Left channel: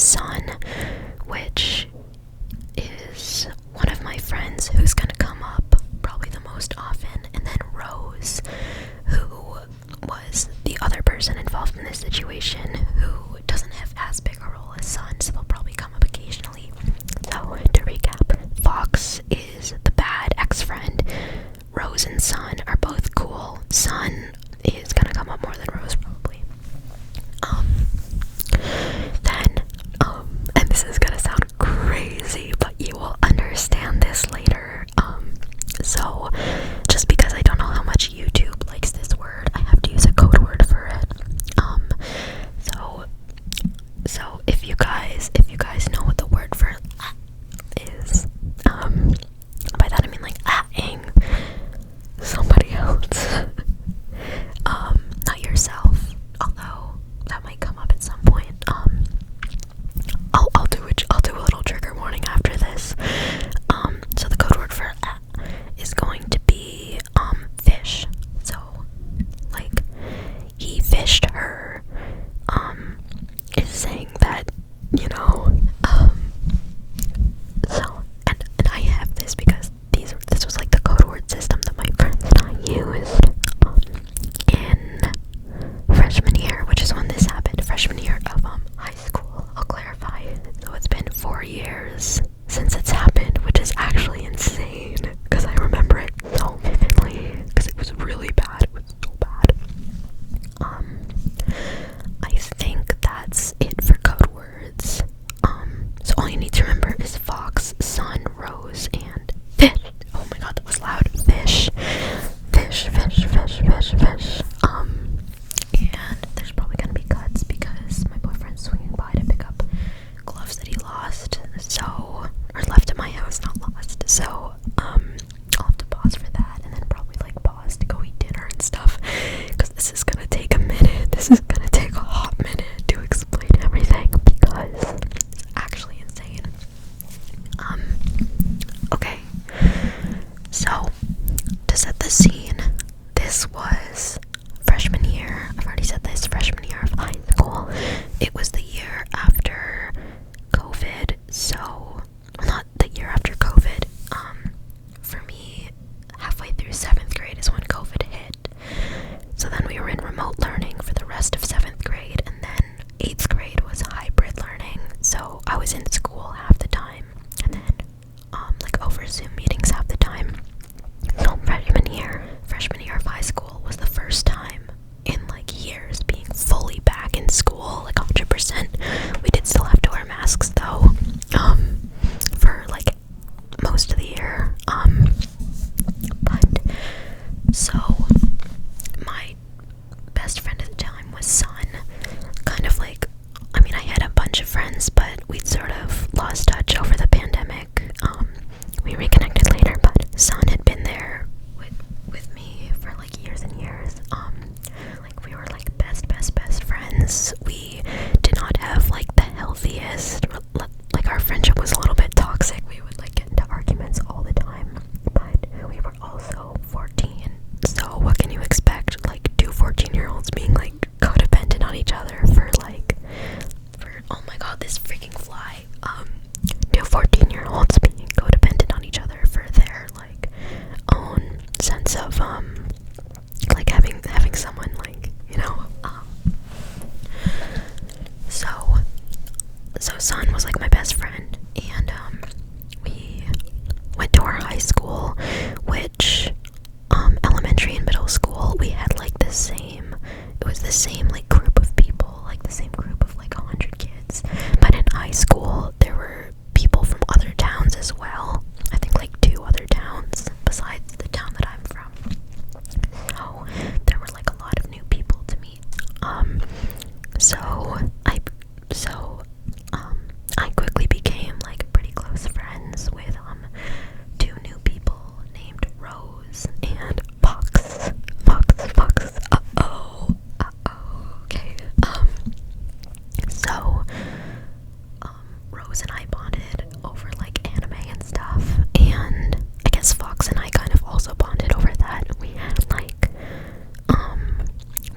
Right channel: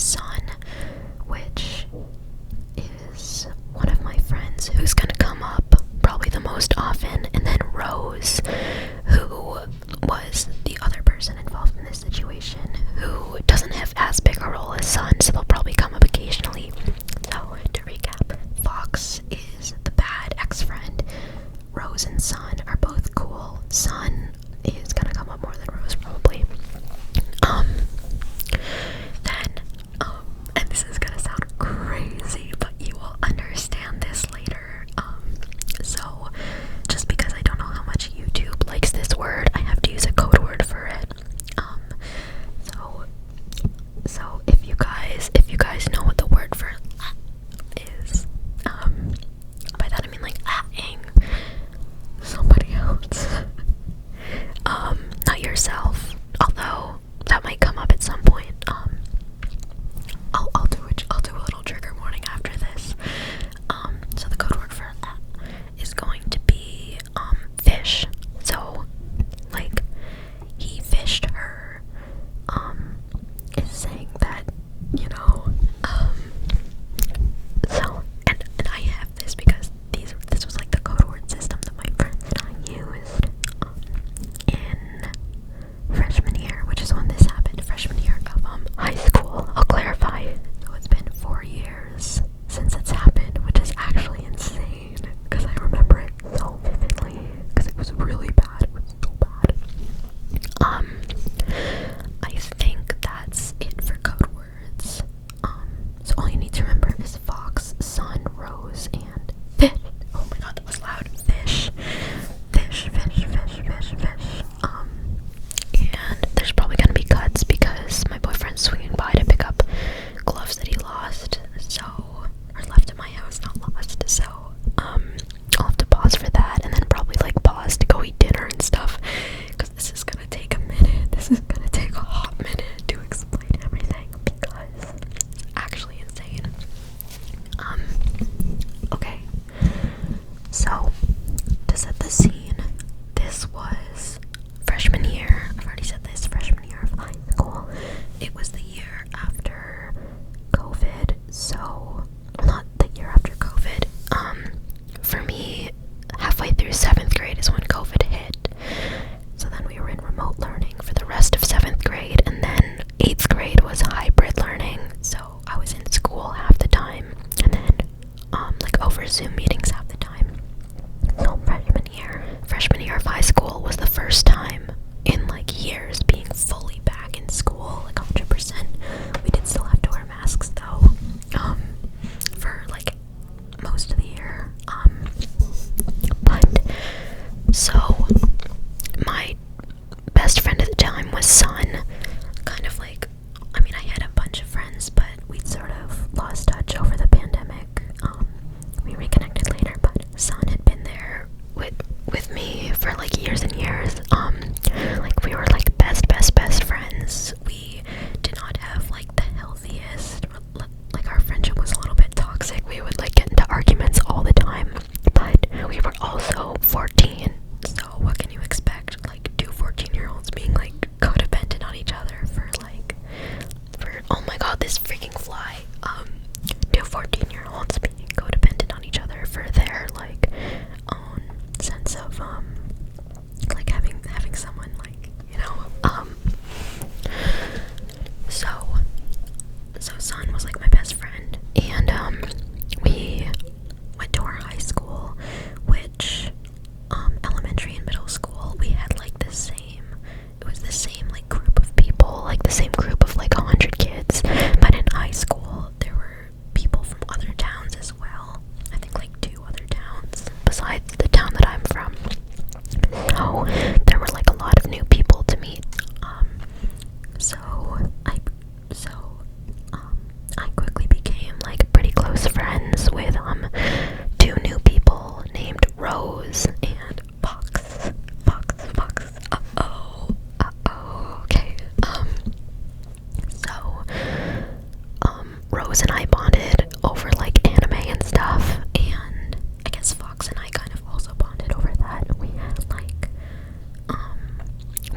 Sun, which is one of my friends who's gonna come up probably the most often, and then Rose, who was the other person involved in this situation, who doesn't have as big a role as Sun, so they'll probably come up occasionally. So, to recap, Fox is the bad ex-friend. Rose and Sun are both cool. Sun is gonna come up more than Rose, probably. And this is gonna sound crazy, but you will understand this later. So, just because I don't know how much YouTube likes this word, I have to use a code word for it. So if you guys know what the word for is, by that I mean like ing somebody else, not yourself, although that might come up at some point. I'll do a little trigger warning after this. So the code word for is going to be fish. So like he fished her is saying that, you know, so and I have this because this was like the code word system that my friends and I used in freshman year, which is when this happened, freshman year of high school. I'll clarify. So it's been 4 years since it's happened, which is actually insane because I remember it so vividly because it was really bad. It was so bad. I think that's it for code words. So all you need to remember is Fox, Sun, Rose, and fish. Oh my god, that was loud. Fish. And there's probably gonna be cuts because my boyfriend's swinging by to pick up gloves that he lost, or left at my house, not lost, so, I'll have to pause for that, and then probably, like, pause to go eat dinner and stuff, because this is gonna take a minute. This is gonna take a hot minute to explain everything, because it's actually insane. Okay, so, to set the scene, this was freshman year. I've already said this, freshman year of high school. It was the year after COVID, so, not the year after COVID. For me, halfway through 7th grade is when COVID hit. So then we were in remote learning for the rest of 7th grade, and then 8th grade was hybrid learning, so I was in school half the time, and then, like over Zoom meetings half the time. So freshman year of high school was the first time in like years being fully back in school, like 100%. We did still have to wear masks though, for like most of the year. But so my best friend at the time was Sun. Kind of like, I mean, I had a bunch of friends, but we'd sort of lost touch over the pandemic. We reconnected later, but Sun had been there with me for like years and years. Like we were like best friends. We did not have like the healthiest, like our friendship was a little bit toxic. We would like get into arguments all the time, but we were also 14, so what can you expect? Like 2 14-year-olds being like codependent on each other for oh my god, this freaking fly. 2 14-year-olds being codependent on each other for their like own sense of like having someone like, you know, so Sun was like my best friend, and we went to our high school, which elementary and middle school we had like the same like group of people, like the same group of like 100 kids, but in high school there were people from other towns as well. I think like 2 other towns besides the town that I'm from. So there were like a lot of new people to meet. I quickly became like pretty close friends with 2 new people named Rose and Fox. Okay. So Rose and I bonded over like anime and stuff, and I guess Fox and I kind of also bonded over that. We had like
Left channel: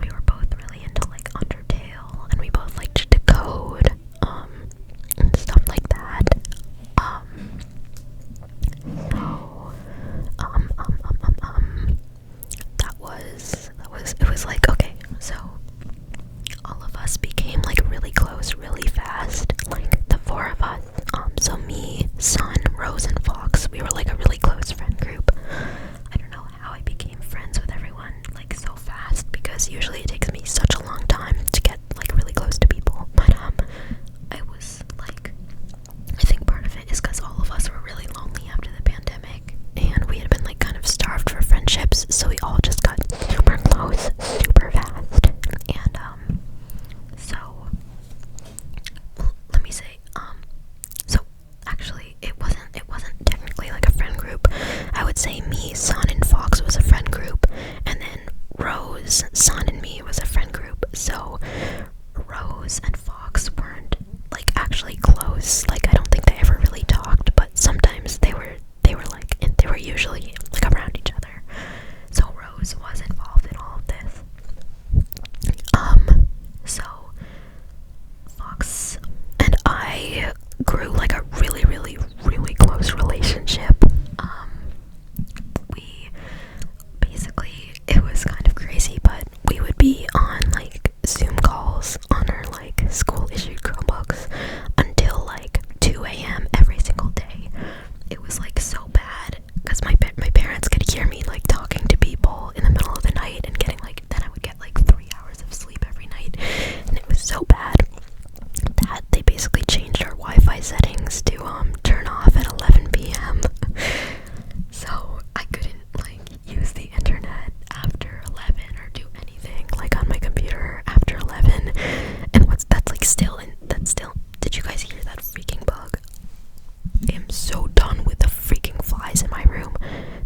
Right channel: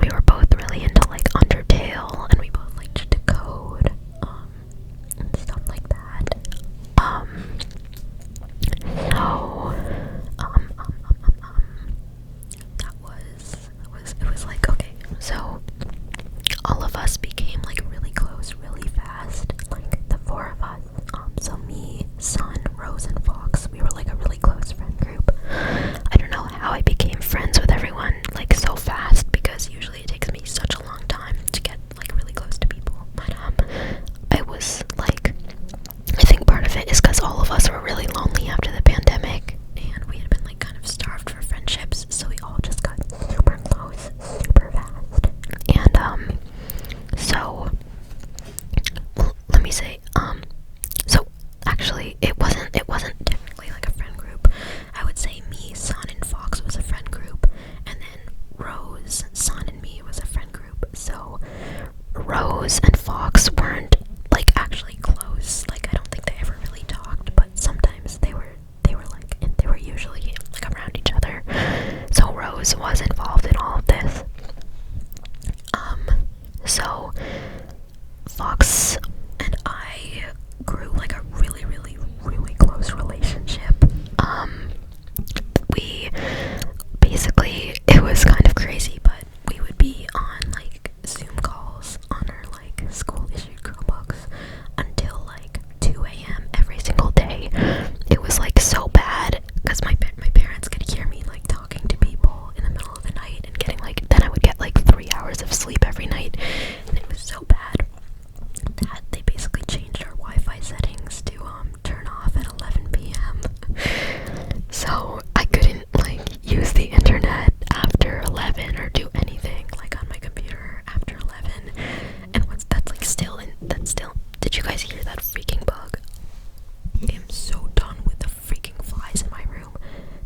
we were both really into like Undertale, and we both liked to code. Rose, like, I don't think they ever really talked, but sometimes they were like, and they were usually like around each other. So Rose was involved in all of this. So Fox and I grew like a really, really, really close relationship. We basically, it was kind of crazy, but we would be on like Zoom calls on our like school issued Chromebooks until like 2 a.m. every single day. It was like so bad because my parents could hear me like talking to people in the middle of the night and getting like, then I would get like 3 hours of sleep every night, and it was so bad that they basically changed our Wi-Fi settings to turn off at 11 p.m. So I couldn't like use the internet after 11 or do anything like on my computer after 11. And that's still, did you guys hear that freaking bug? I am so done with the freaking flies in my room.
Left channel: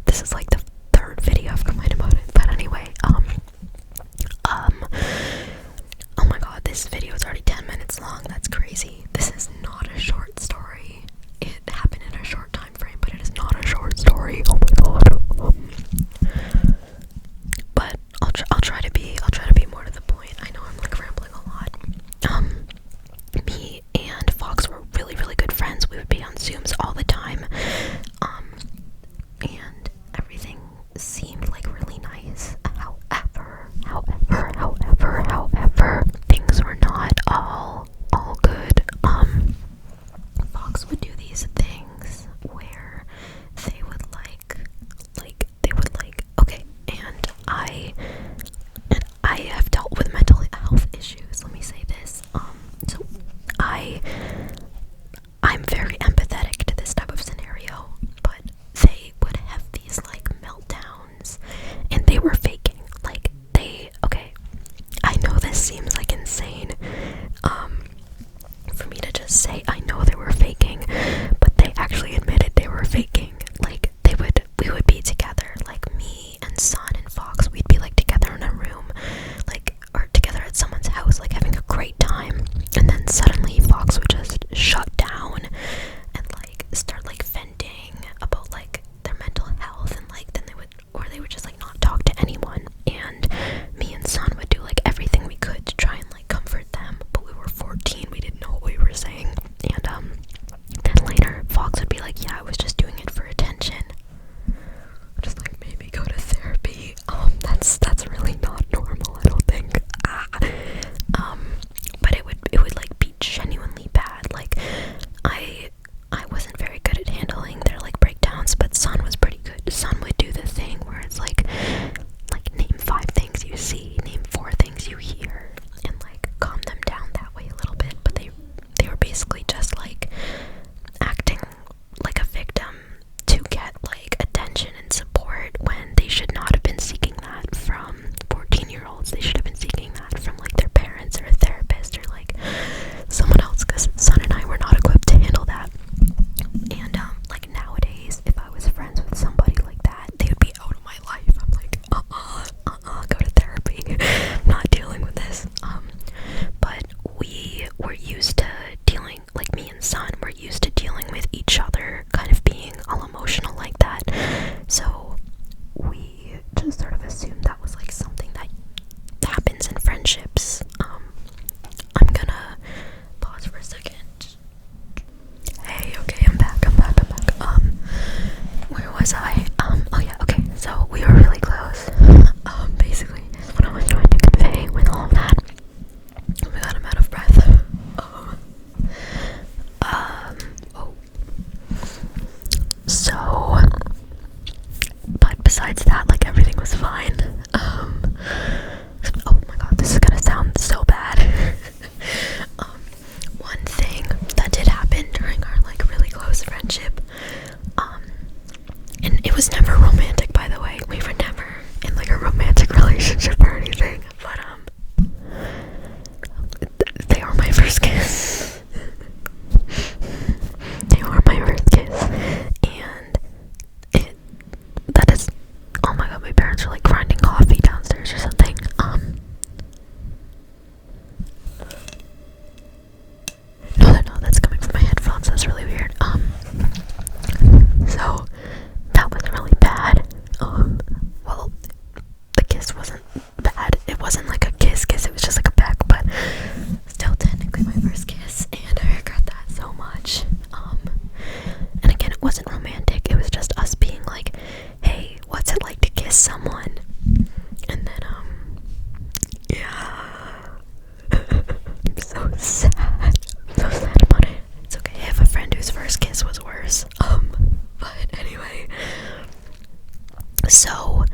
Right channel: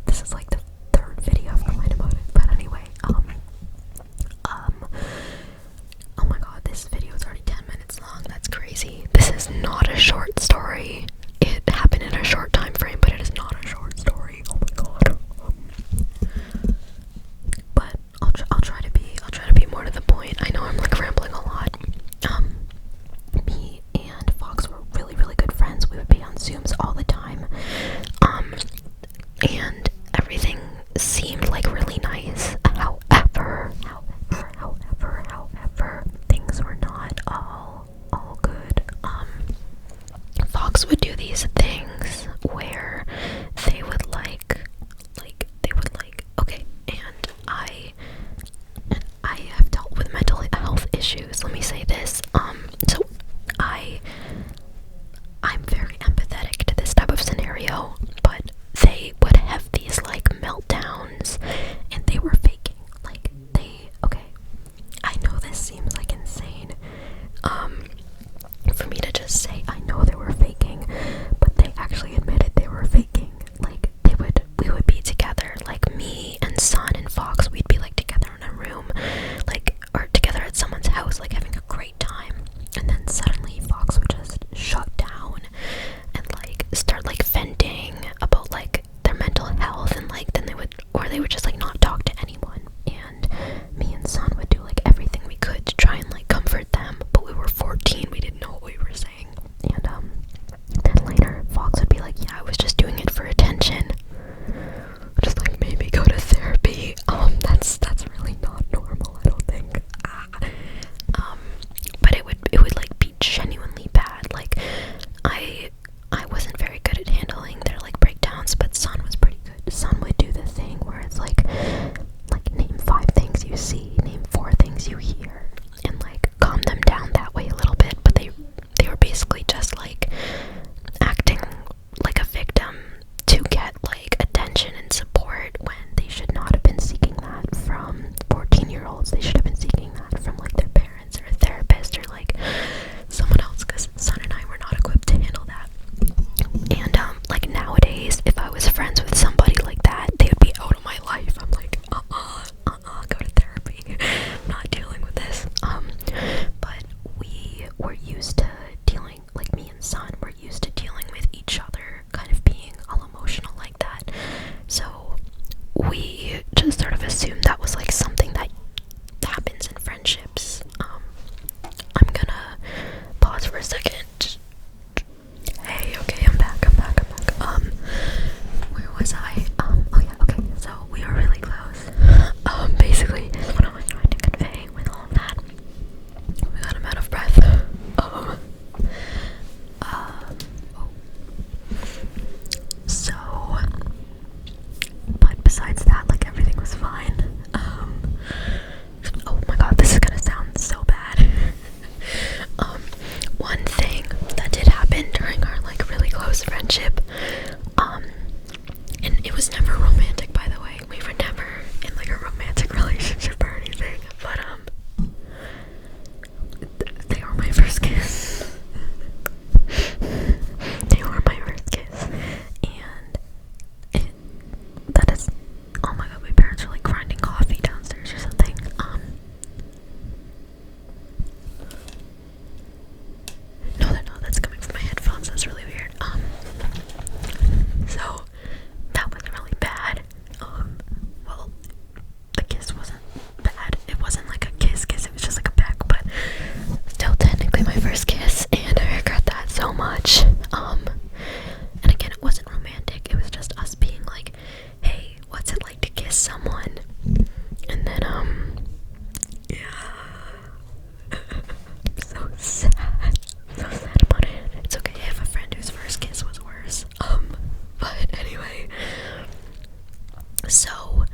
This is like the third video I've complained about it. But anyway, oh my god, this video is already 10 minutes long. That's crazy. This is not a short story. It happened in a short time frame, but it is not a short story. Oh my god. But I'll try to be more to the point. I know I'm like rambling a lot. Me and Fox were really, really good friends. We would be on Zooms all the time. And everything seemed like really nice. However, things were not all good. Fox would do these things where they would okay, and I have dealt with mental health issues. Let me say this. So I'm very empathetic to this type of scenario, but they would have these like meltdowns, and they were faking. Like okay, I know this seems like insane, for me to just say I know they were faking, but they actually admitted they were faking. Like we would be together, like me and Son and Fox, we'd be like together in a room, like, or together at someone's house, like having a great time, and then suddenly Fox would just shut down and like start like venting about like their mental health, and like then they would just like not talk to anyone, and me and Son would do like everything we could to try and like comfort them, but we were 14, we didn't know what we were saying. And then later Fox would be like, yeah, I was just doing it for attention. Just like, maybe go to therapy. That's really not normal, I don't think. But it would like be genuinely bad. Like I wasn't very good at handling their like breakdowns, but Son was pretty good. Son would do the thing where it's like name 5 things you see, name 4 things you hear, and like calm them down that way a little bit. But they were basically just like acting like a victim to get like attention and support when they should not have been seeking that from 14-year-olds. They should have been seeking that from like their parents or a therapist or like someone else, because Son and I were not equipped to handle that. So,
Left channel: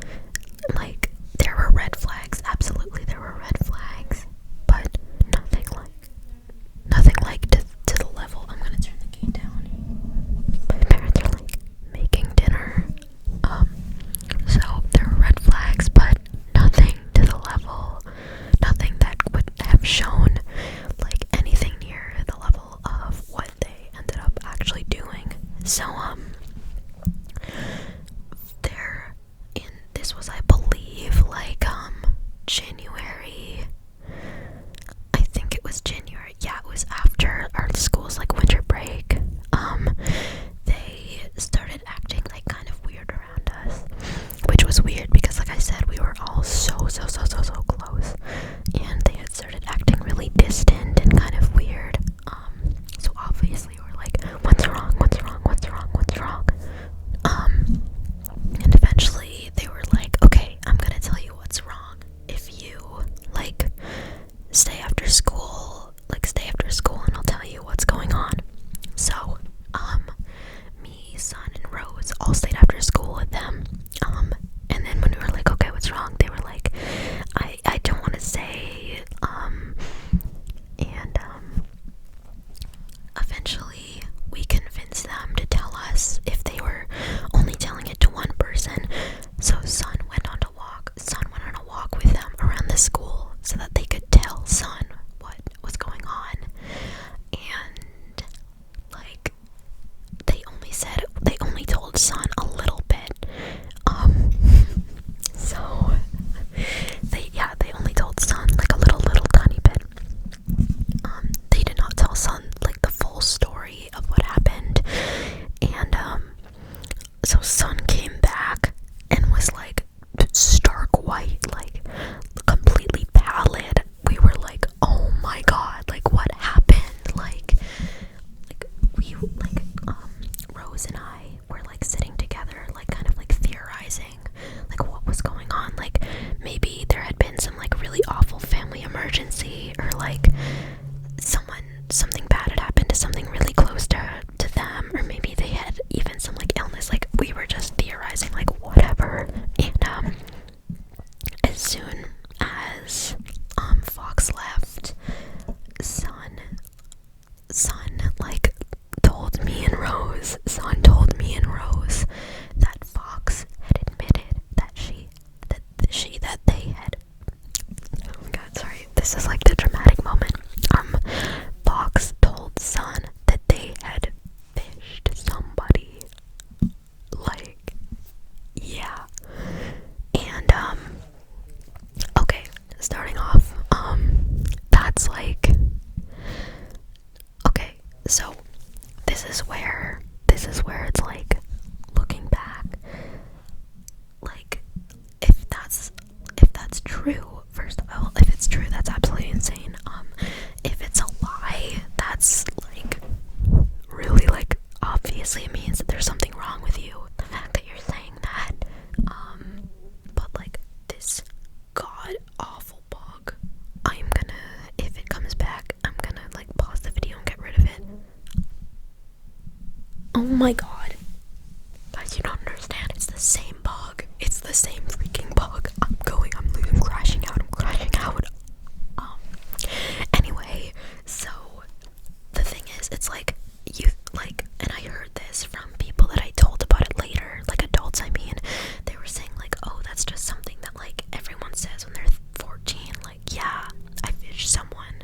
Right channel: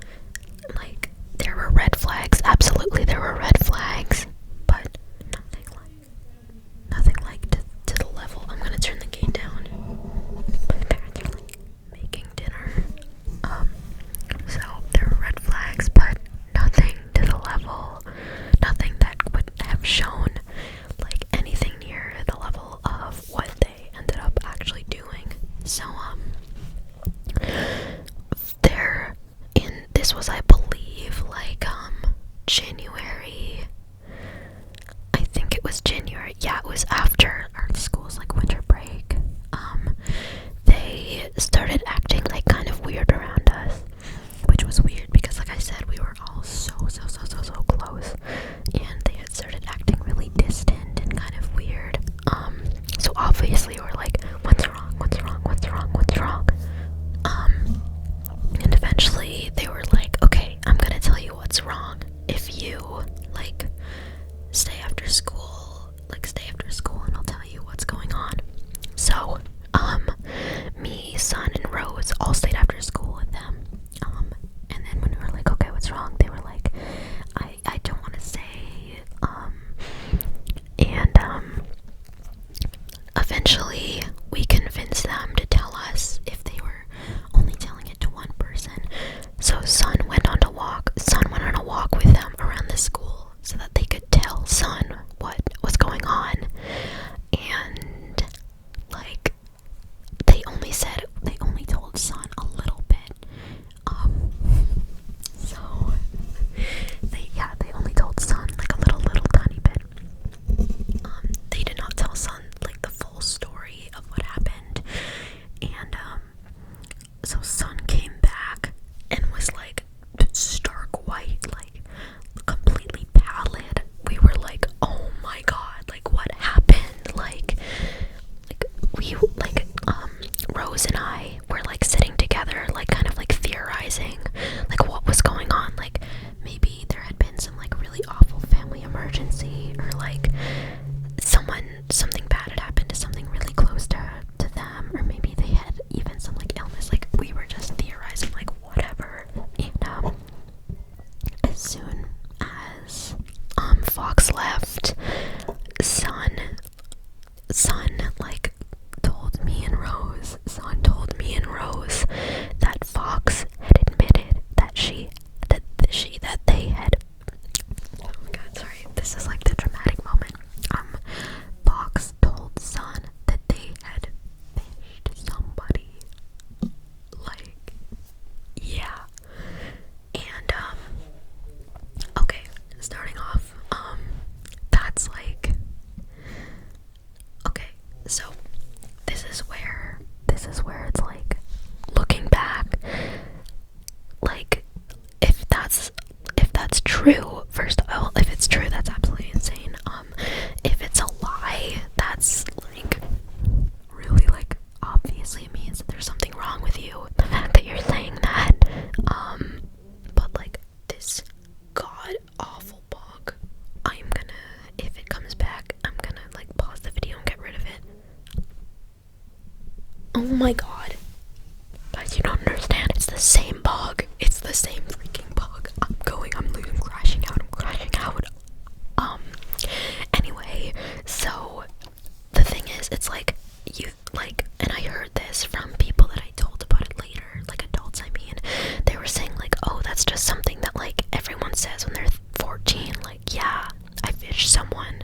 like, there were red flags. Absolutely, there were red flags, but nothing like to the level. I'm gonna turn the gate down. My parents are like making dinner. So there were red flags, but nothing to the level. Nothing that would have shown like anything near the level of what they ended up actually doing. So this was, I believe, like January. I think it was January. Yeah, it was after our school's like winter break. They started acting like kind of weird around us, which was weird because, like I said, we were all so close, and they had started acting really distant and kind of weird. So obviously we're like, what's wrong? And eventually they were like, okay, I'm gonna tell you what's wrong. If you like stay after school and I'll tell you what's going on. So me, Sun, and Rose all stayed after school with them. And then when we were like, okay, what's wrong? They were like, I don't want to say. And eventually we convinced them to tell us if they were only telling it to one person. So Sun went on a walk with them around the school so that they could tell Sun what was going on. And like they only told Sun a little bit. So they only told Sun like a little tiny bit. They did not tell Sun like the full story of what happened. And so Sun came back and was like stark white, like completely pallid. We were like, oh my god, like what happened? Like Rose and I were like sitting together, like kind of like theorizing like what was going on. Like maybe there had been some like really awful family emergency, or like something bad had happened to something really close to them, or maybe they had even some like illness. Like we were just theorizing like whatever. And as soon as Fox left, Sun like told me and Rose that Fox had admitted that they had, oh my god, sorry, this is like the dramatic moment. Fox told Sun that they had fished somebody. Like, yeah. And okay, starting off, that's like, okay, so this is where it's like, looking back, like if that's true, first of all, if it's true, that's absolutely insane. If it's a lie, that's like really, like, obviously it means that there's something wrong with you, the fact that you're saying that. But like this god awful bug, I'm gonna, if it comes back, I'm gonna like pause the video and get rid of it. Oh my god, guys, you don't understand, it's the same bug, it's the same freaking bug. I'm crashing out. Anyway, so the thing is, it's like, you like, and I heard this from people that I told about it later, like adults, I mean, they were saying like, oh, that's just something that like everyone says when they're 14, like, yeah, I fished someone,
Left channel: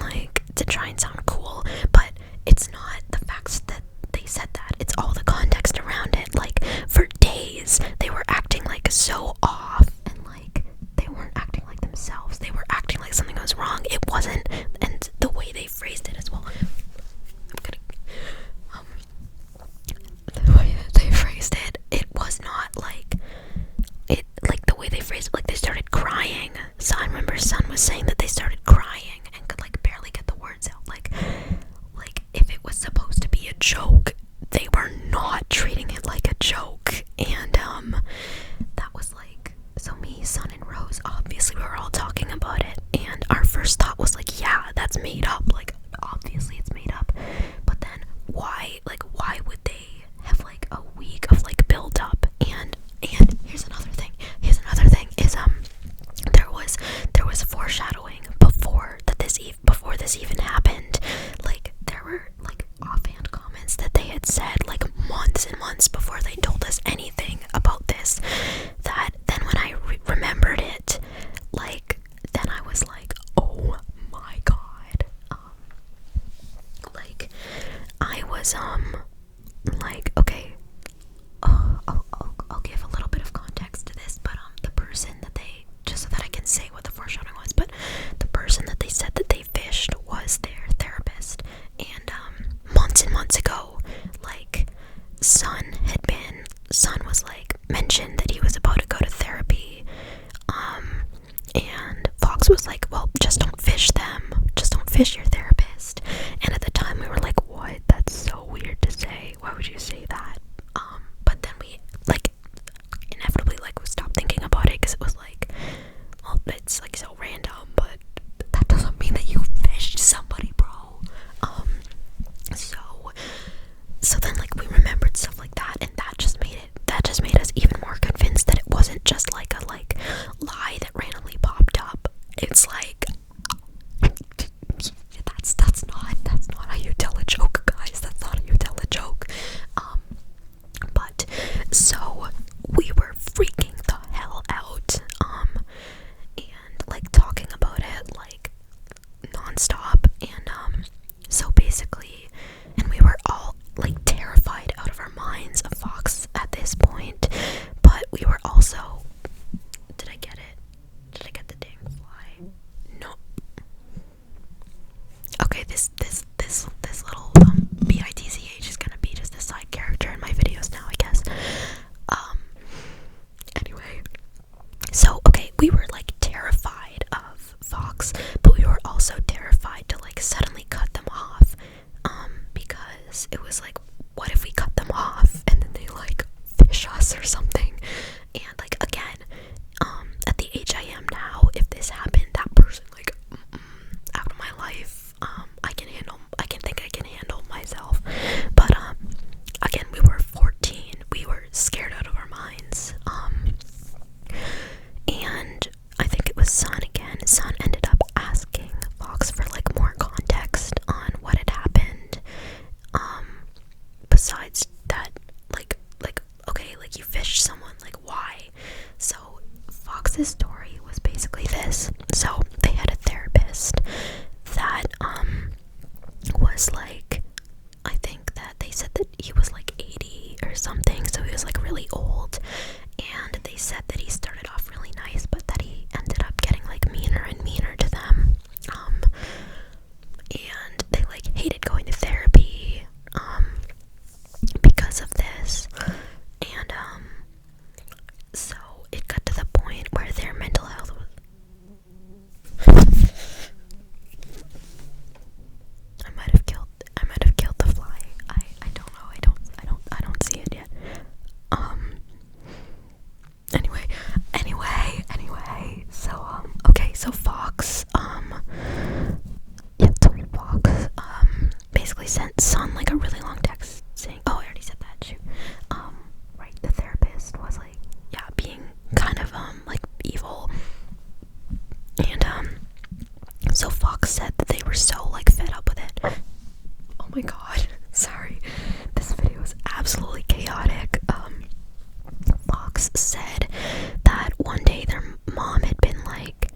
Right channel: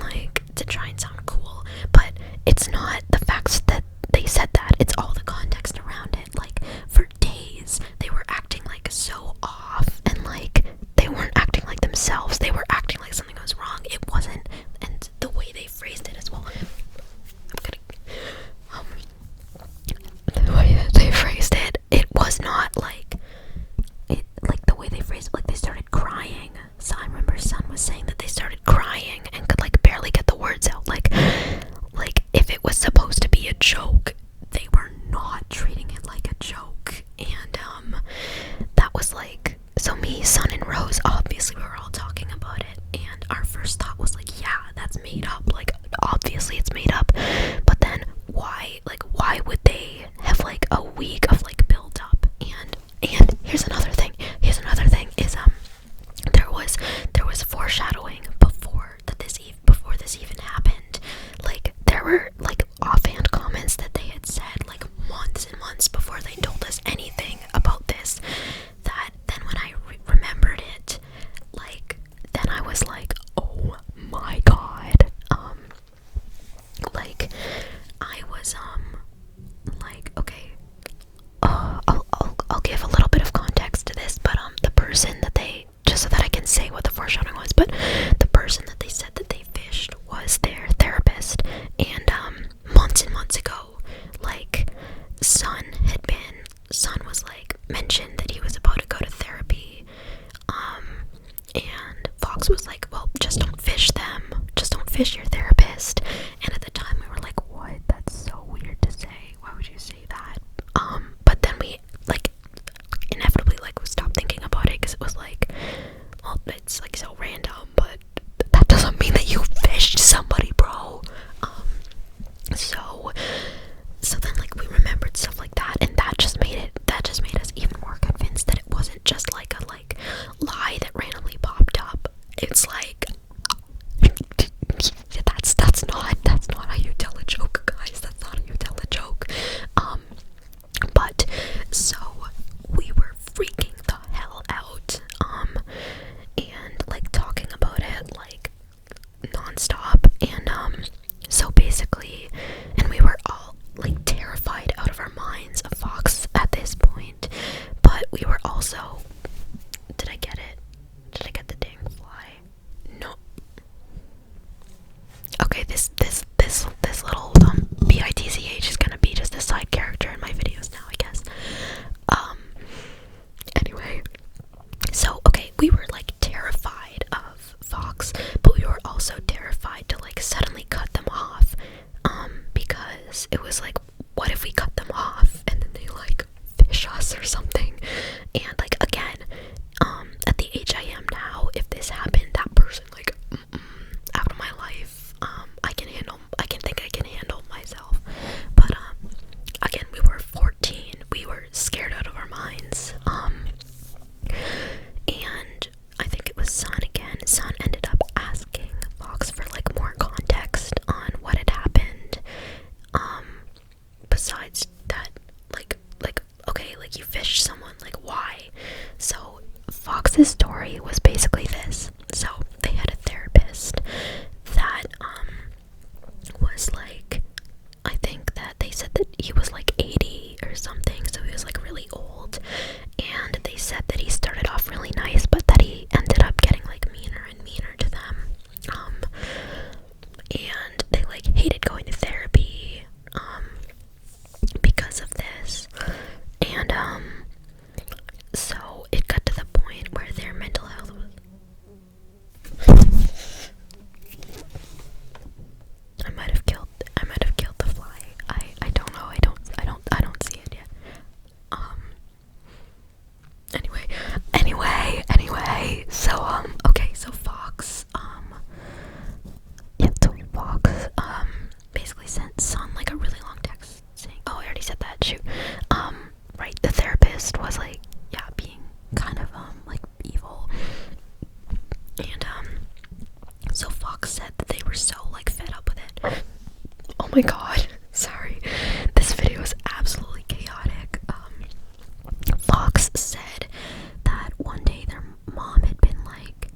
like, to try and sound cool. But it's not the facts that they said that, it's all the context around it. Like, for days they were acting like so off, and like they weren't acting like themselves, they were acting like something was wrong. It wasn't. And the way they phrased it as well, the way that they phrased it, it was not like it, like the way they phrased it, like they started crying. So I remember Sun was saying that they started crying and could like barely get the words out. Like if it was supposed to be a joke, they were not treating it like a joke. And that was like, so me, Sun, and Rose, obviously we were all talking about it, and our first thought was like, yeah, that's made up, like obviously it's made up. But then why would they have like a week of like build up, and fish your therapist. And at the time we were like, what? That's so weird to say. Why would you say that? But then we like inevitably like stopped thinking about it, because it was like, well, it's like so random, but that doesn't mean that you fished somebody, bro. So then like we remembered stuff like that, and that just made us even more convinced that it wasn't just like a lie that randomly popped up. It's like that's not how you tell a joke, guys. That's not how you tell a joke. But so we were freaking the hell out, and like talking about it like nonstop, and so basically, and we were all like terrified out of our minds of Fox at this point, but we were also, did I get it? Did I get the dang fly? No. Okay, this little BITCH is gonna be just a side character in my videos now, I guess. Anyway, so okay, we were like terrified of Fox, but we were also terrified to like suddenly cut them off, because it was like, what if we cut them off and then they like fish us or something? And like again, at the age I am now, if this happened, that person like out of my life, I can handle myself. But again, we were 14, we were scared out of our minds, and I think it was Son ended up asking Fox for like more context on what had happened, besides that, like okay, like you fished someone, like why? So Fox's story was basically this. So they had a therapist that was like, I think that they said that he was like 80 or something, so he was like really old, and they said that he started off really nice, but that he ended up getting like meaner and meaner to them, and they like hated going to therapy because of this, and so it got to the point where their mental health was I might have killed the fly. I don't know. I don't see it yet. Anyway, so okay, so Fox Fox basically sent Son like a really long text saying, oh, I already said that, shoot. Right, the therapist was like, yeah, being kind of like evil, and so Fox said that they were so like fed up with it. Oh my god, sorry, this video is absolutely chaotic. Fox said that one day their mom had been like,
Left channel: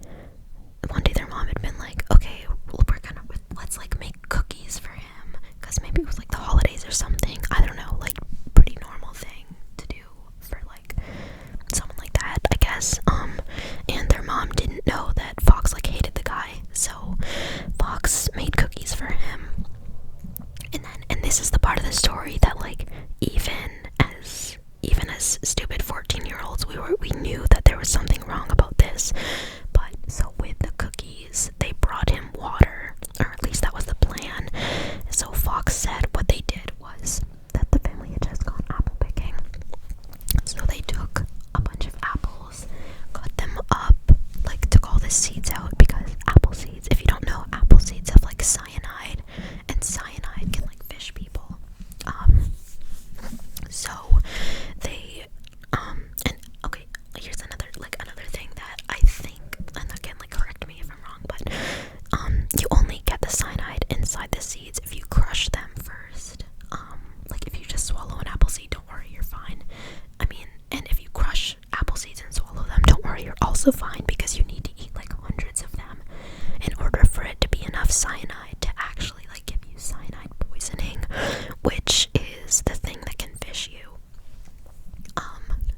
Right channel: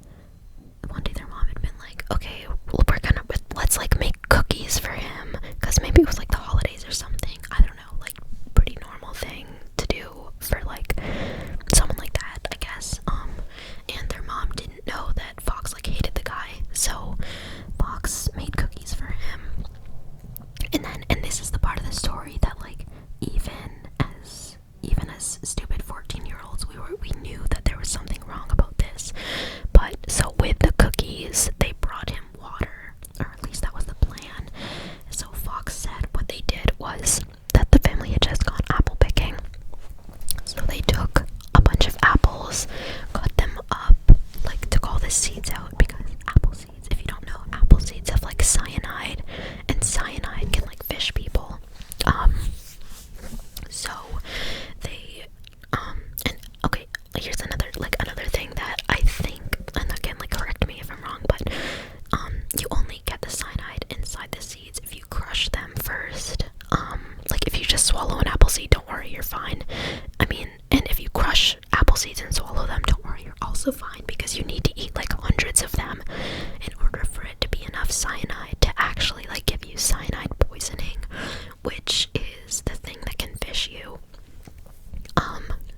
okay, well, let's like make cookies for him, because maybe it was like the holidays or something, I don't know, like pretty normal thing to do for like someone like that, I guess. And their mom didn't know that Fox like hated the guy, so Fox made cookies for him. And this is the part of the story that like even as stupid 14-year-olds, we knew that there was something wrong about this. But so with the cookies, they brought him water, or at least that was the plan. So Fox said what they did was that the family had just gone apple picking. So they took a bunch of apples, cut them up, like took all the seeds out, because apple seeds, if you don't know, apple seeds have like cyanide, and cyanide can like fish people. So they and okay, here's another thing that I think, and again, like correct me if I'm wrong, but you only get the cyanide inside the seeds if you crush them first. Like if you just swallow an apple seed, don't worry, you're fine. I mean, and if you crush apple seeds and swallow them, don't worry, you're also fine, because you need to eat like hundreds of them in order for it to be enough cyanide to actually like give you cyanide poisoning, which is the thing that can fish you.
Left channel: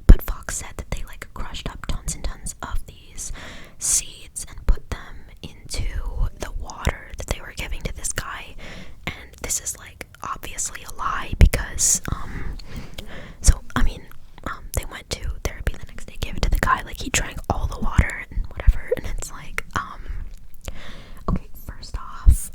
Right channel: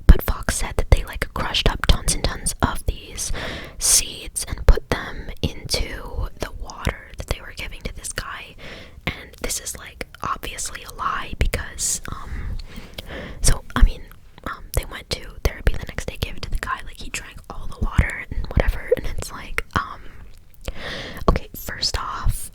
But Fox said that they like crushed up tons and tons of these seeds and put them into the water that they were giving to this guy, and this is like obviously a lie, because so I mean, they went to therapy the next day, gave it to the guy, like he drank all the water and whatever, and it's like okay, first off,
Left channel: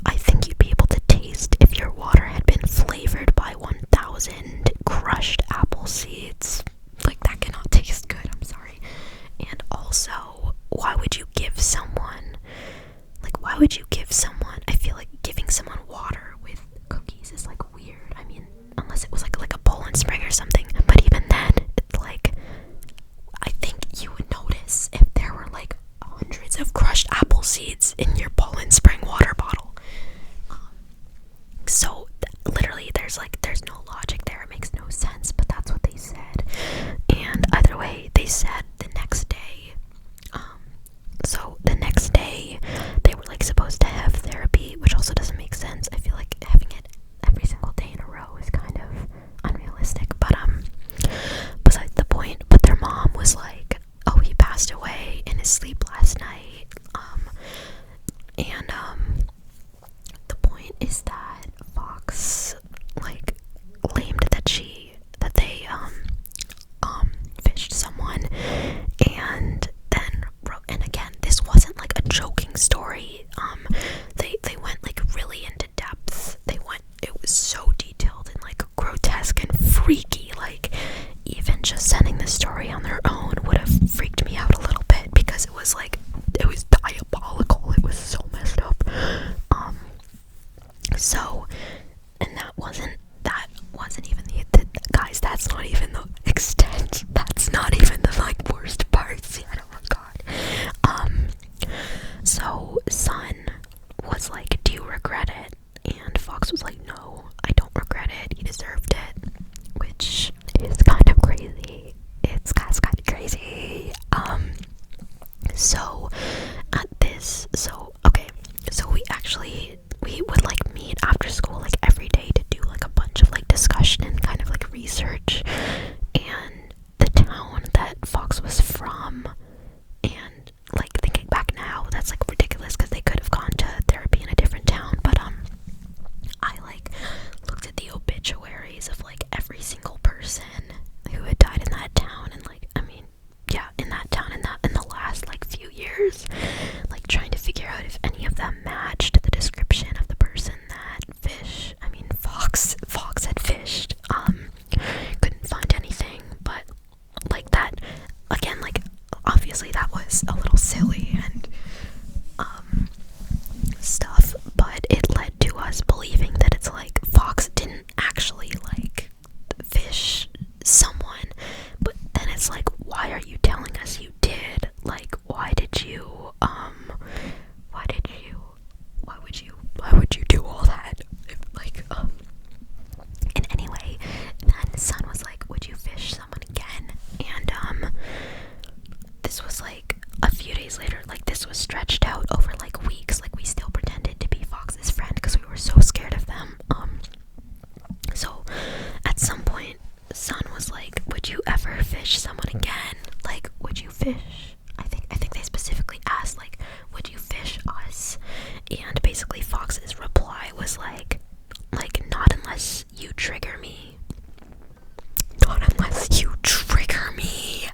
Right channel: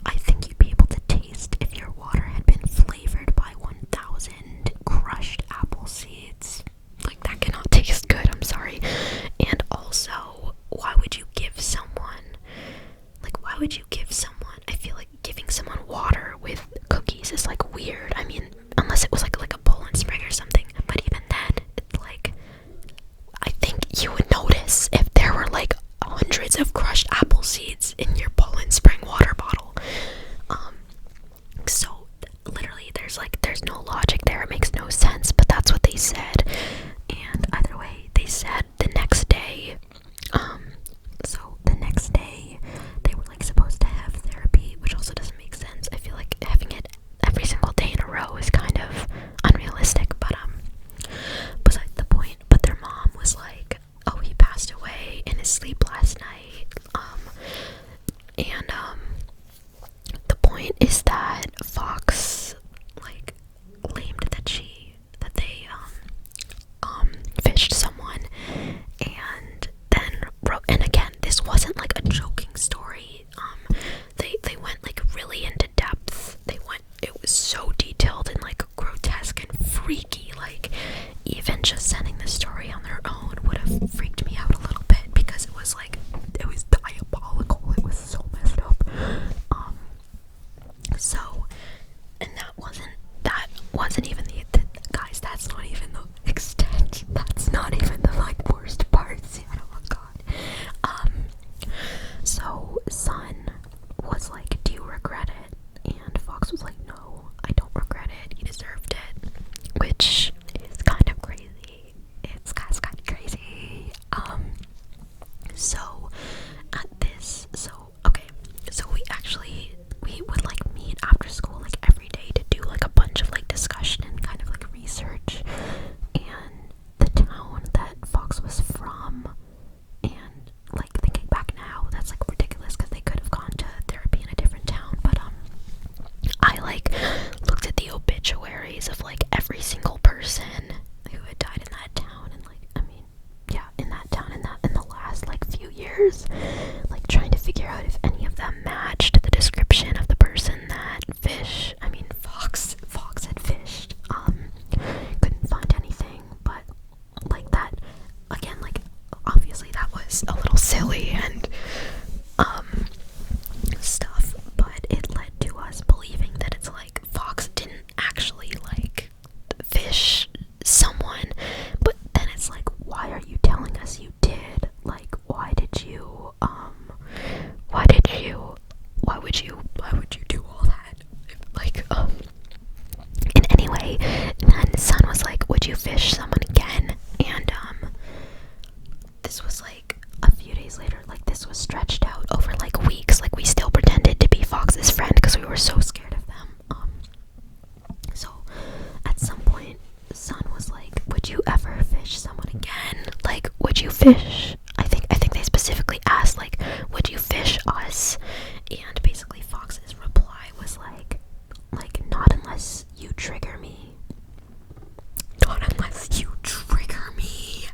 unless it was like a Poland Spring or something. But even then, it's like, I think you would notice if there were like hundreds of crushed apple seeds in your Poland Spring water bottle. So literally there's no logic there. It makes no sense, but that's what they said. And either way, they said the next day, so the next day they were like supposed to have therapy, which also doesn't make sense. I feel like having it every single day in a row is kind of unrealistic, but besides the point. But their mom was like, oh, he passed away in his sleep last night, and the point is that Fox like claimed that they fished someone, and then wrote, and again, this wasn't like a joking story. They went like really into depth. It was so detailed and like grotesque and freaky. Like even just sending the story on their own would have freaked me out a little bit, because it was diabolical. It was so messed up. So, and that wasn't even the guys, that's not even the extent. That's not even the like worst parts yet. Oh my god. So Son was like, do you regret it? And Fox was like, no, I don't regret it. He deserved it. Which is kind of crazy. It's kind of crazy. So we would like meet after school like every day to do like a bunch of like discussion and kind of like research. And the town that Fox was from, and like thinking back now, that's like ridiculous because they could have gone to therapy in a different town. But I like looked at the obituaries of like every single person who had died in that town, and like, I mean, yeah, in that town, in the last like few years, like trying to figure out if any of them matched the description of the person that Fox had fished. Couldn't find anything, but like that, again, like obviously that was a little silly and stuff, but it led to us believing that it's like Fox didn't actually like fish someone. But then it's like, why are you telling us you did? Like, why would you do all that? And anyway, then Son was like, would you fish someone again? And this was like a few days later. Like, this was stretched out over like weeks. Like, we still pretended to be Fox's friend because we were so scared of them. So at some point, Son was like, would you ever fish someone again? Like, would you fish? I think they specifically asked, like, would you fish us? And basically Fox's reply was like, not unless you trigger me. Not unless you trigger me.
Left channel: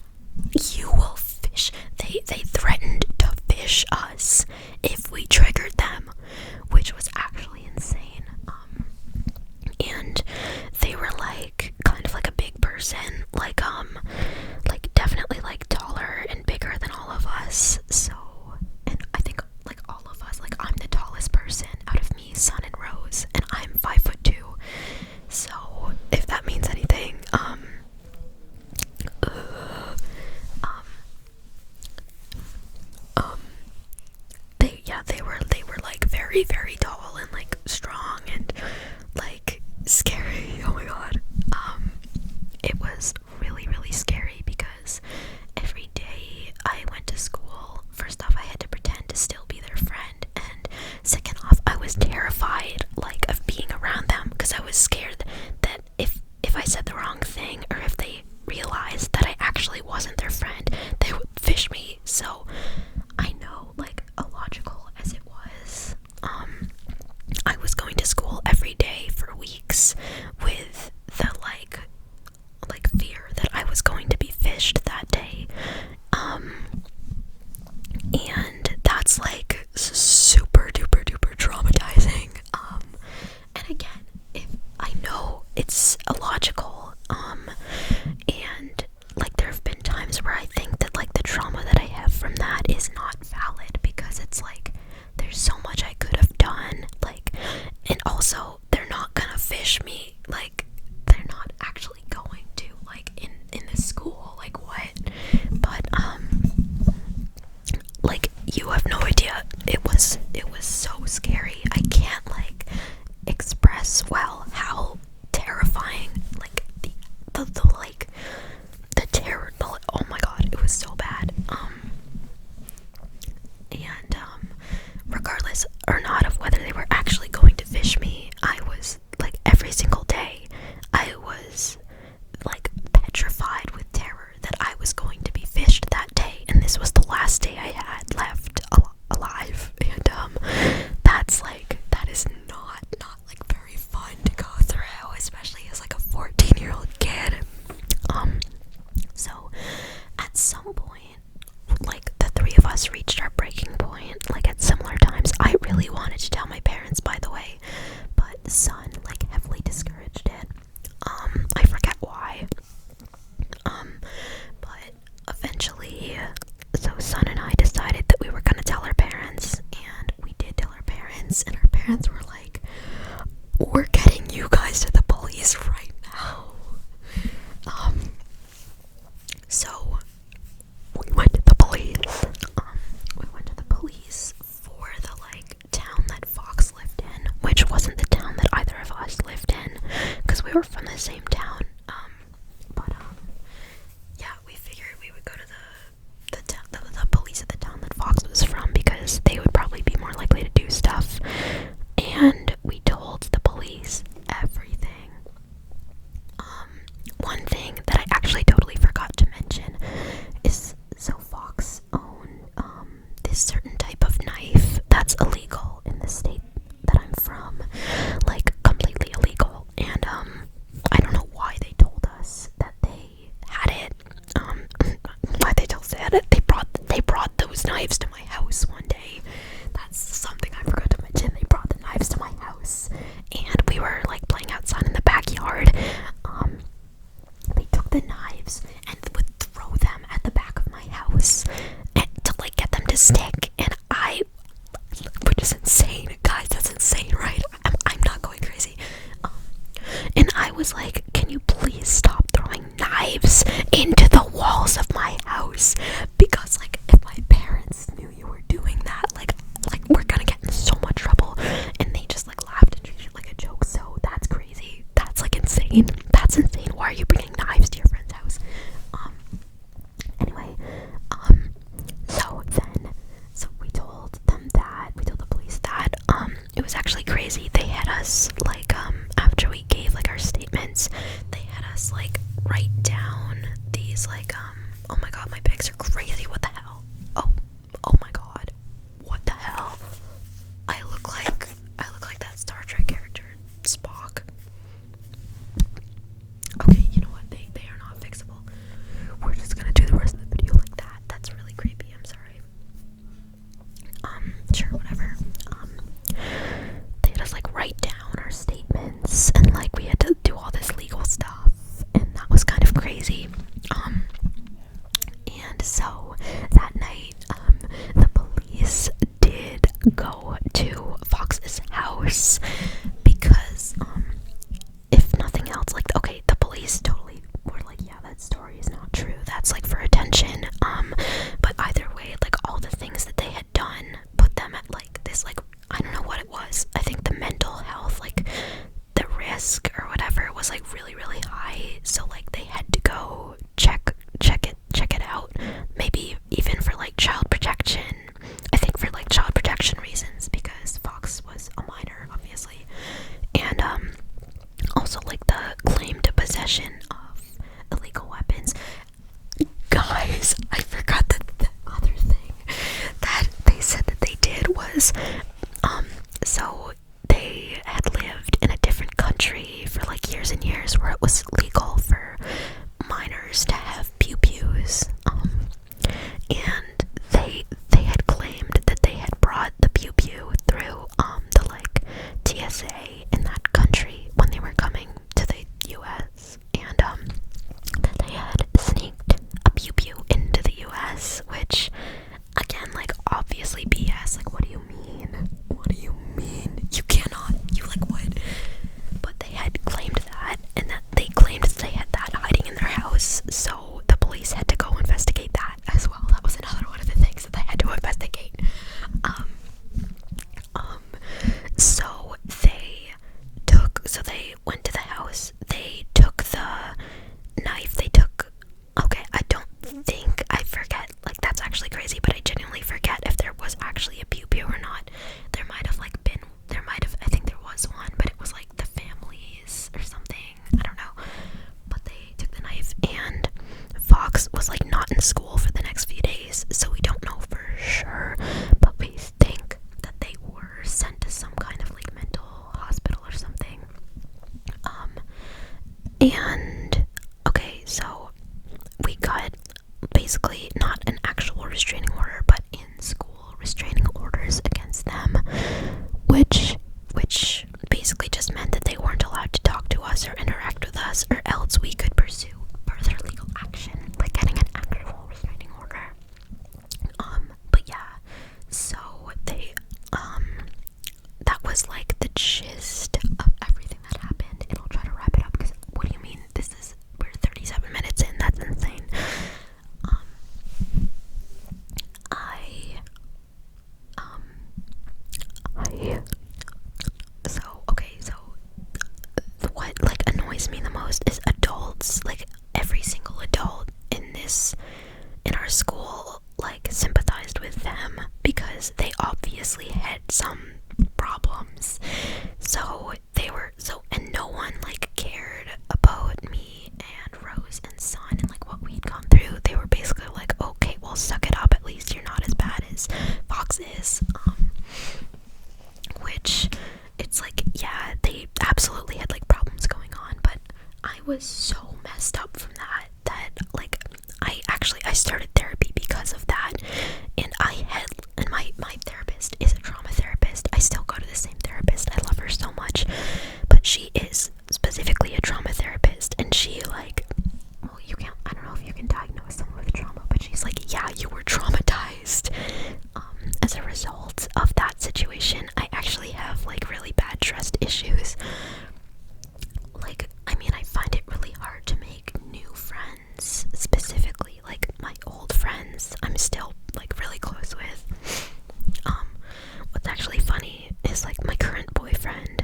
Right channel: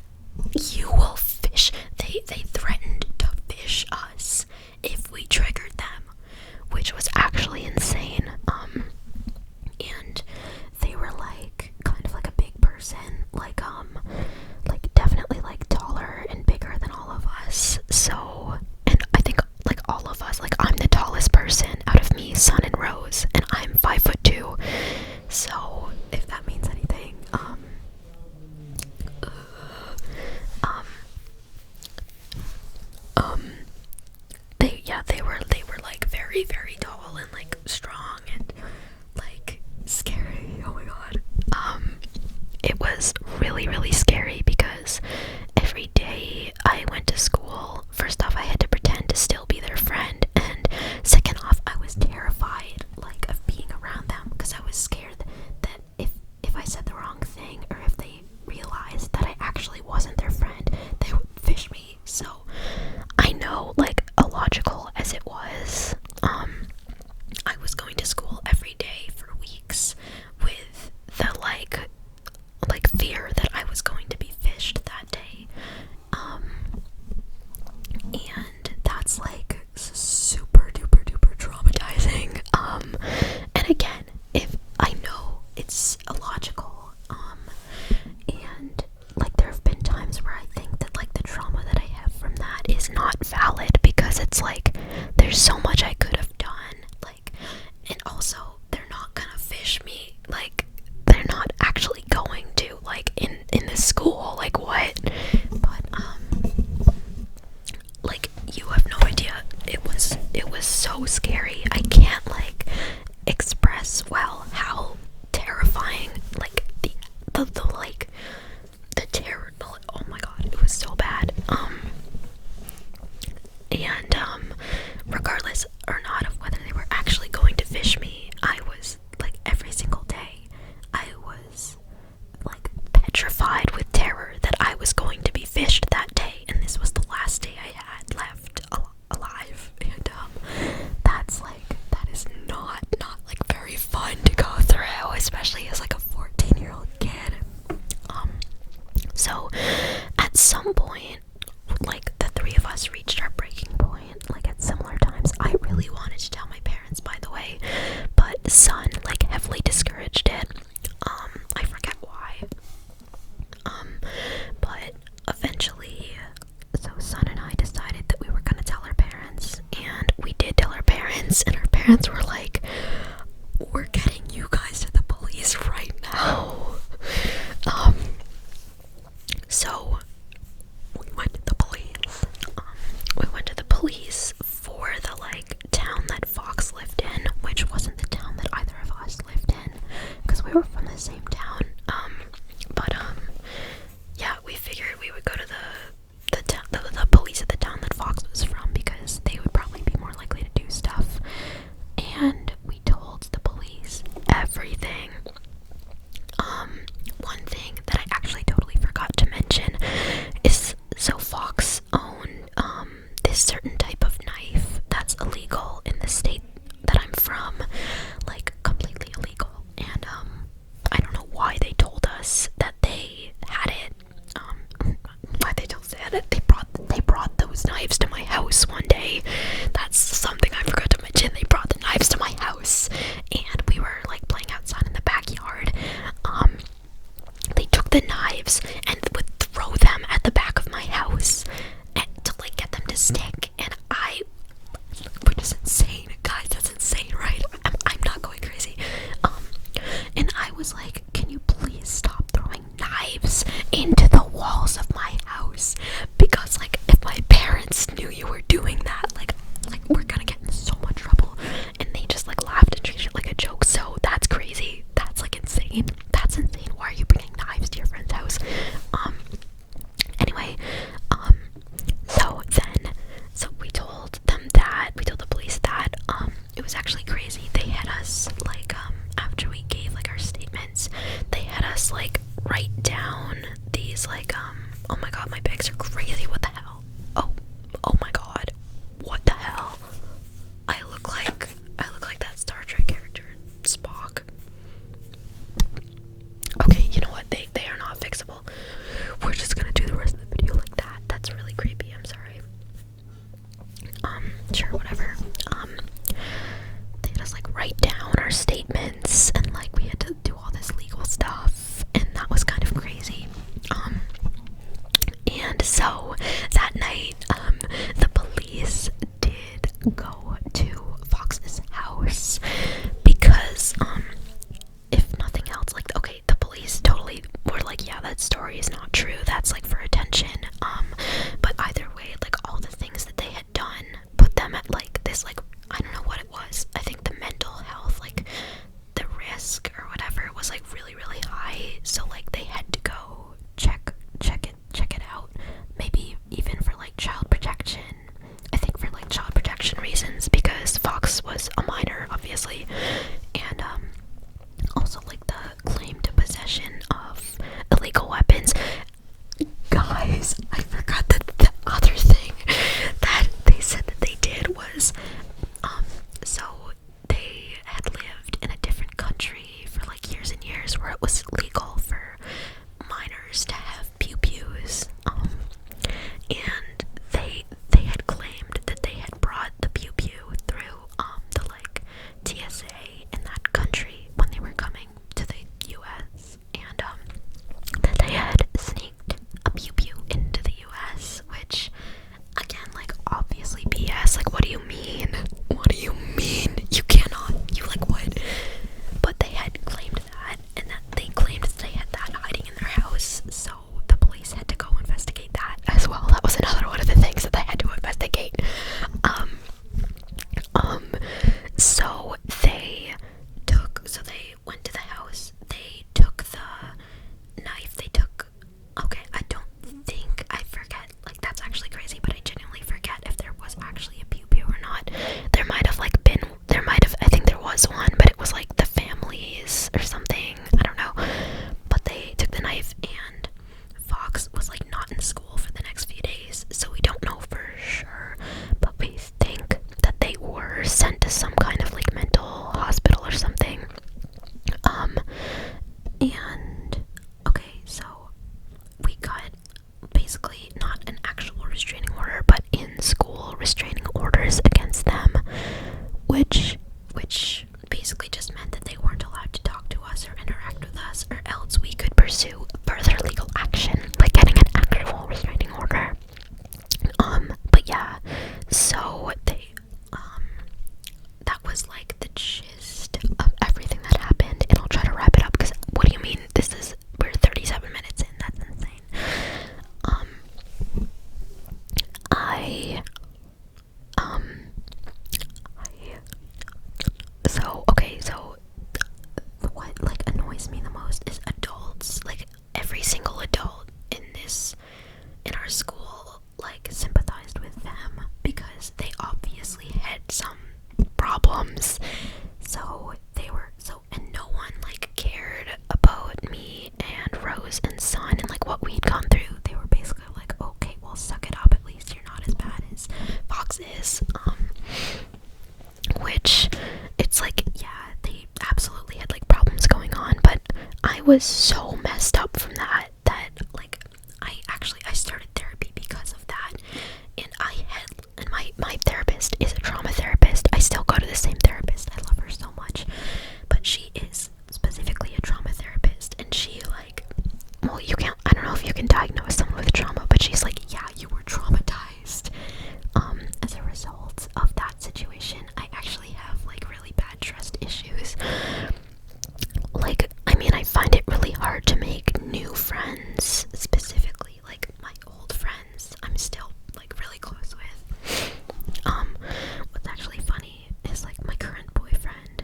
You will fish. They threatened to fish us if we triggered them, which was actually insane. And they were like kind of like a big person, like definitely like taller and bigger than all of us. So, and I think like all of us, like I'm the tallest person out of me, Son, and Rose, and I'm 5'2". So if that means anything, they were like very, very tall and like strong and like scary. Oh my god. It was really, really scary because every day I went to school, first off, I had to pretend to still be their friend, and second off, I was terrified like of being around them because I was scared that if I said the wrong thing, or if they realized that I actually wasn't their friend, they would fish me. So I know, like, illogical as it was, I was going to school every day for weeks with the like fear that I was going to be fished that day. And that's like super duper duper traumatizing. And again, if I know it's illogical, and like there have been times where I think that like the trauma that I have from that is not valid, because it's like there's so much I could have done, like, and also they're not gonna fish me, like they're we were from the same town. But yeah, we figured we would go to the police at the town that Fox was from because they would probably be more likely to do stuff. And we told the police everything. One thing that I actually totally forgot to mention is, so Fox owned this certain type of knife that's illegal in the state that I'm from, like completely illegal. And I don't know why they told us that they had it. Why they told us they had it? They brought those knives to my house one day. That's something I forgot to mention. They brought the knives to my house, and we were like playing outside in the backyard. They took the knives and would throw them at the back of my house and to like get them to stick. And which is insane, guys. That's insane, right? I'm not going crazy. And I was like, can you please stop throwing knives into the walls of my house? Because like, if my parents knew you were doing that, like we're gonna get in so much trouble. And they just like laughed and treated it like a joke. So that's crazy. That's like insane. That's insane. Why are you bringing knives to your friend's house? Anyway, so we told the police that, it was actually crazy. They had us, like, after we gave, like, our statements, they had us, like, write down these, like, oh my god, my bags are crazy, what the hell? Oh my god, what the hell? I look like that Star Trek character, Spock. Okay, you know what, they are not fixable. We're just gonna do the rest of the video like that. That's really creepy, I'm sorry. Sure, whatever. They had us like write down our statements, and like we had to do all this legal stuff, and that was kind of crazy. And so that night, the police did go to Fox's house because, if nothing else, like, okay, the police totally were like, yeah, that story is not true. That's like for attention. But either way, like all the things that they had done put them at like this, like, I don't know what it was. I think the mental health, like the risk or whatever was like really, really high. So like they had to go check it out. Maybe even for like child protection. I think for like child protection reasons, because Fox was a minor, obviously. And also like the claim to possession of illegal weapons. Guys, I forgot that the other thing that they said that they did was, so they had lived in a different country for like years and years where it was legal for minors to have pew-pews, and they had claimed that they had brought the pew-pew through the like TSA in that country when they were coming to the US, and that they had sneaked a pew-pew into the US, which, again, like, obviously BS. Like, what do you mean? What do you mean? You cannot. You, like, what? But they had claimed that, and that they claimed that they had that hiding in their house, so the police had to go investigate that as well. That was another one of the things that they had to investigate. So they went to the house, they took the knife, I forget, like, that's actually crazy, but I genuinely forget if there was actually a pew-pew or not. I think there was one, but it was like the family's or something, I don't know. But they took the knife, and Fox was like not in school for the next few days, so we don't know for sure, but we think that they were sent to some kind of like mental hospital or something. And okay, so we got basically not an actual restraining order, but in school restraining orders against them, which basically just meant that they weren't allowed to talk to us or interact with us, or else we could pursue further legal action, like getting an actual restraining order. But yeah, so they, that was like the gist of everything that happened, and I'll try to wrap it up, because what do you mean, we're 37 minutes in, that's insane. So what like annoys was so messed up from that like I started therapy because of that. And my therapist is a trauma therapist. I still go to the same therapist. I love her so much. But she is specifically a trauma therapist, and she like, well, I don't know if you can diagnose someone with trauma, but she's like, yeah, you were traumatized as a result of that situation. I actually have like really bad trust issues. Like, I mean, I find it really hard to make new friends, specifically like my old friends I'm still like really close with. What's actually funny is like my current boyfriend,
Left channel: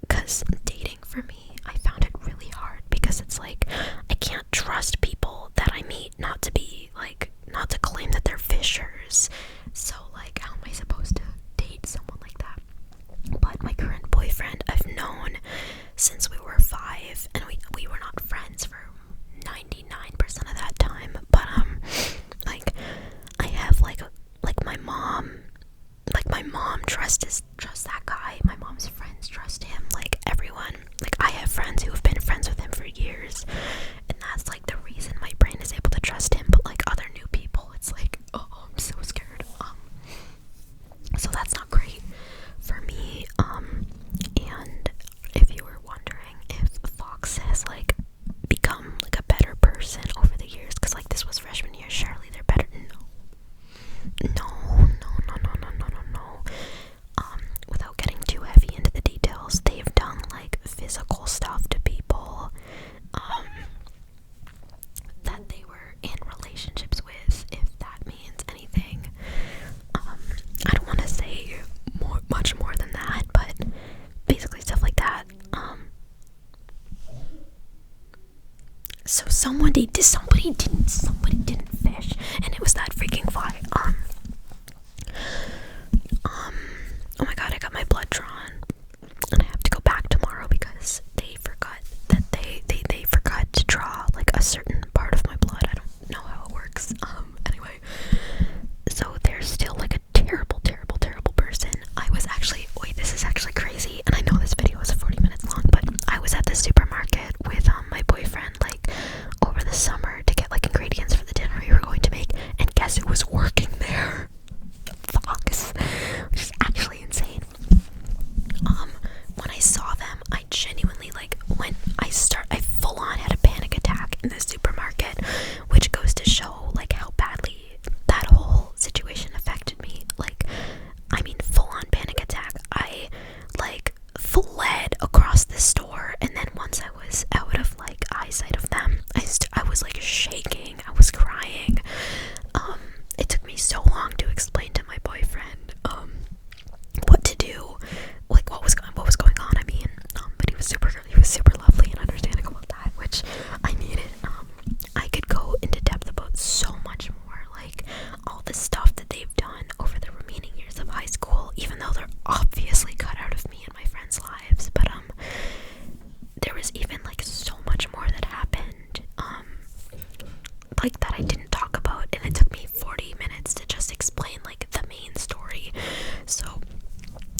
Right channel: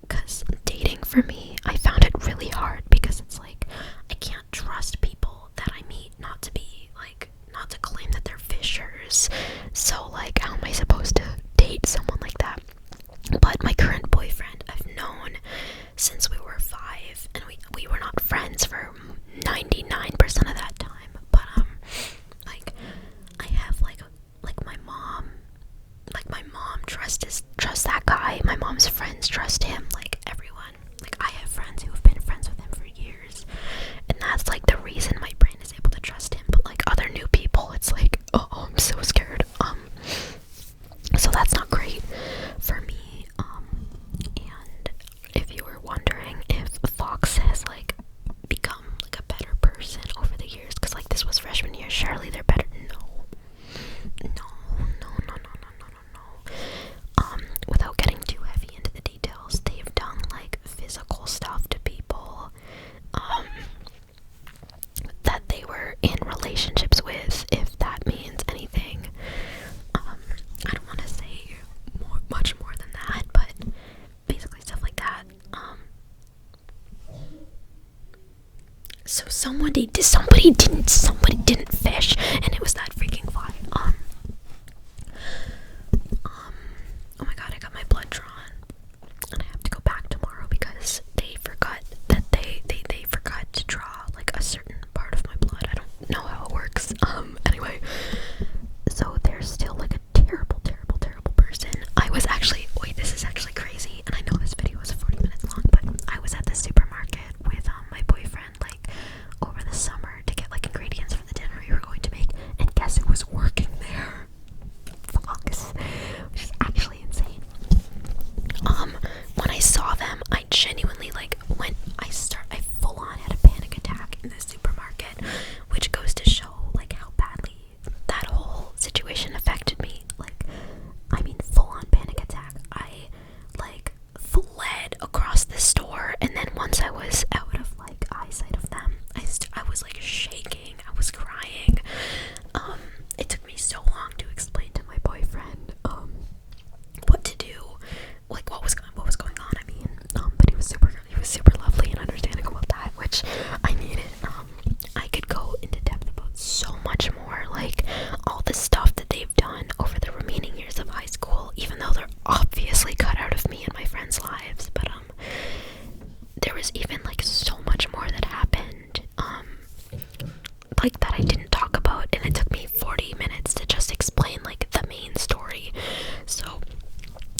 because dating for me, I found it really hard because it's like I can't trust people that I meet not to claim that they're fishers. So like, how am I supposed to date someone like that? But my current boyfriend I've known since we were 5, and we were not friends for 99% of that time. But like, I have like my mom trusts that guy. My mom's friends trust him. Like, everyone. Like, I have friends who have been friends with him for years, and that's like the reason my brain is able to trust him. But like other new people, it's like, oh, I'm so scared. So that's not great for me. And if you were wondering if Fox has like become like a better person over the years, because like this was freshman year, surely they're better. No. Without getting too heavy into the details, they've done like physical stuff to people that they were in relationships with, if that means anything. I don't want to say much more than that, but basically stuff like that. So somebody didn't fish, and it was that freaking fly. Oh my god, I got my blood drawn, and I have to go back tomorrow because they forgot to draw like a certain part of my blood. I don't know how it works. Anyway, so they're still like a terrible person. This is actually crazy, and I know this video is 40 minutes long, but I was at the supermarket with my boyfriend like over the summer to get like ingredients for the dinner we were going to make, and guess who was working there? Fox, which is actually insane. When I saw them, I genuinely like I full on had a panic attack in the supermarket, which goes to show like how badly that whole situation affected me. Like, I mean, full on panic attack. I like fled across the store, and then once I was out of like eyesight of them, I was like shaking. I was crying. It took me so long to explain to my boyfriend what to do, like what was going on. I mean, but he was super lovely and understanding about that, which I needed. I could go into depth about so much more, like all the stuff that they've done over the remaining years of high school, even though they're obviously cut out of me and my friends' lives. But there was even like so much more that happened, like that I didn't talk about, and it took me 40 minutes to just explain like the main story. So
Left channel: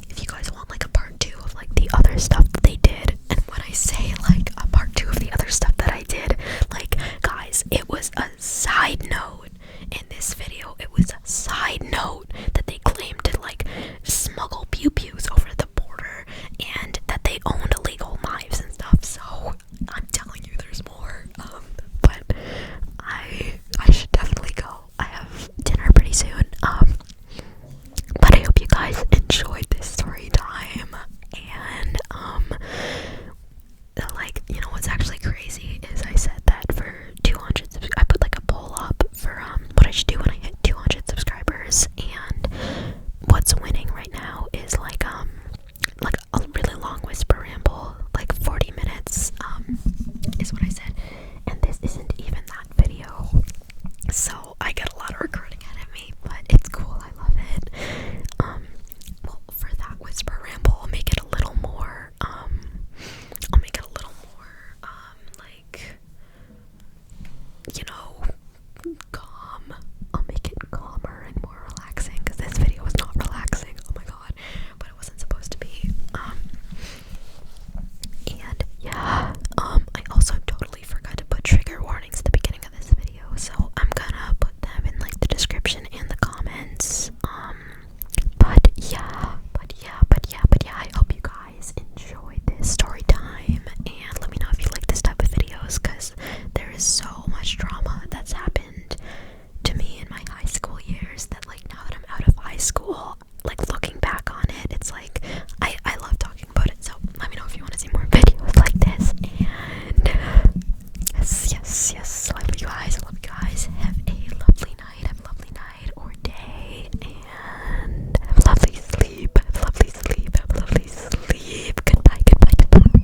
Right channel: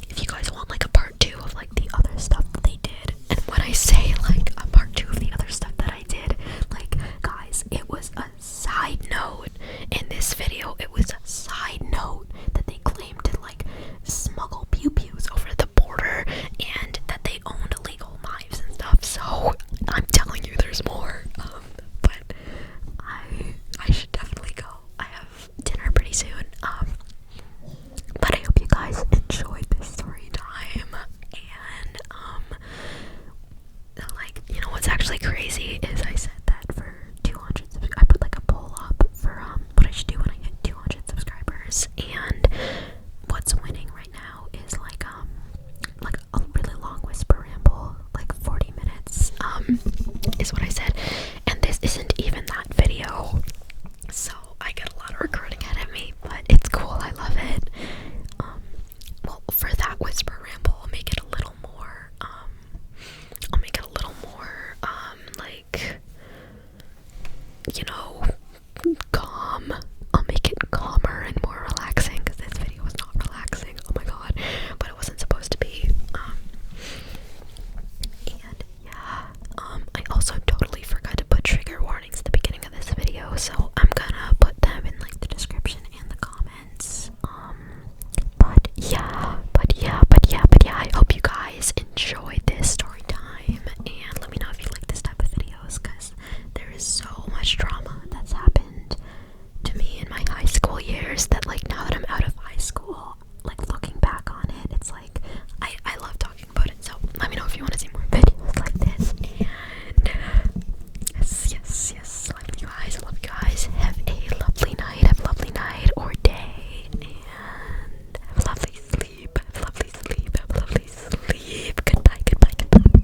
if you guys want like a part 2 of like the other stuff that they did, and when I say like a part 2 of the other stuff that I did, like, guys, it was a side note in this video. It was a side note that they claimed to like smuggle pew-pews over the border, and that they owned illegal knives and stuff. So I'm telling you, there's more. But I should definitely go. I have dinner pretty soon. But I hope you guys enjoyed this story time. And like, you know what's actually crazy is I said that for 200 I put like a poll up for what I should do when I hit 200 subscribers, and what's winning right now is like a really long whisper ramble, like 40 minutes is what I said, and this isn't even that video. So I get a lot of recording ahead of me, but it's cool. I love it. Well, for that whisper ramble, I'll make it a little more, like, that like now that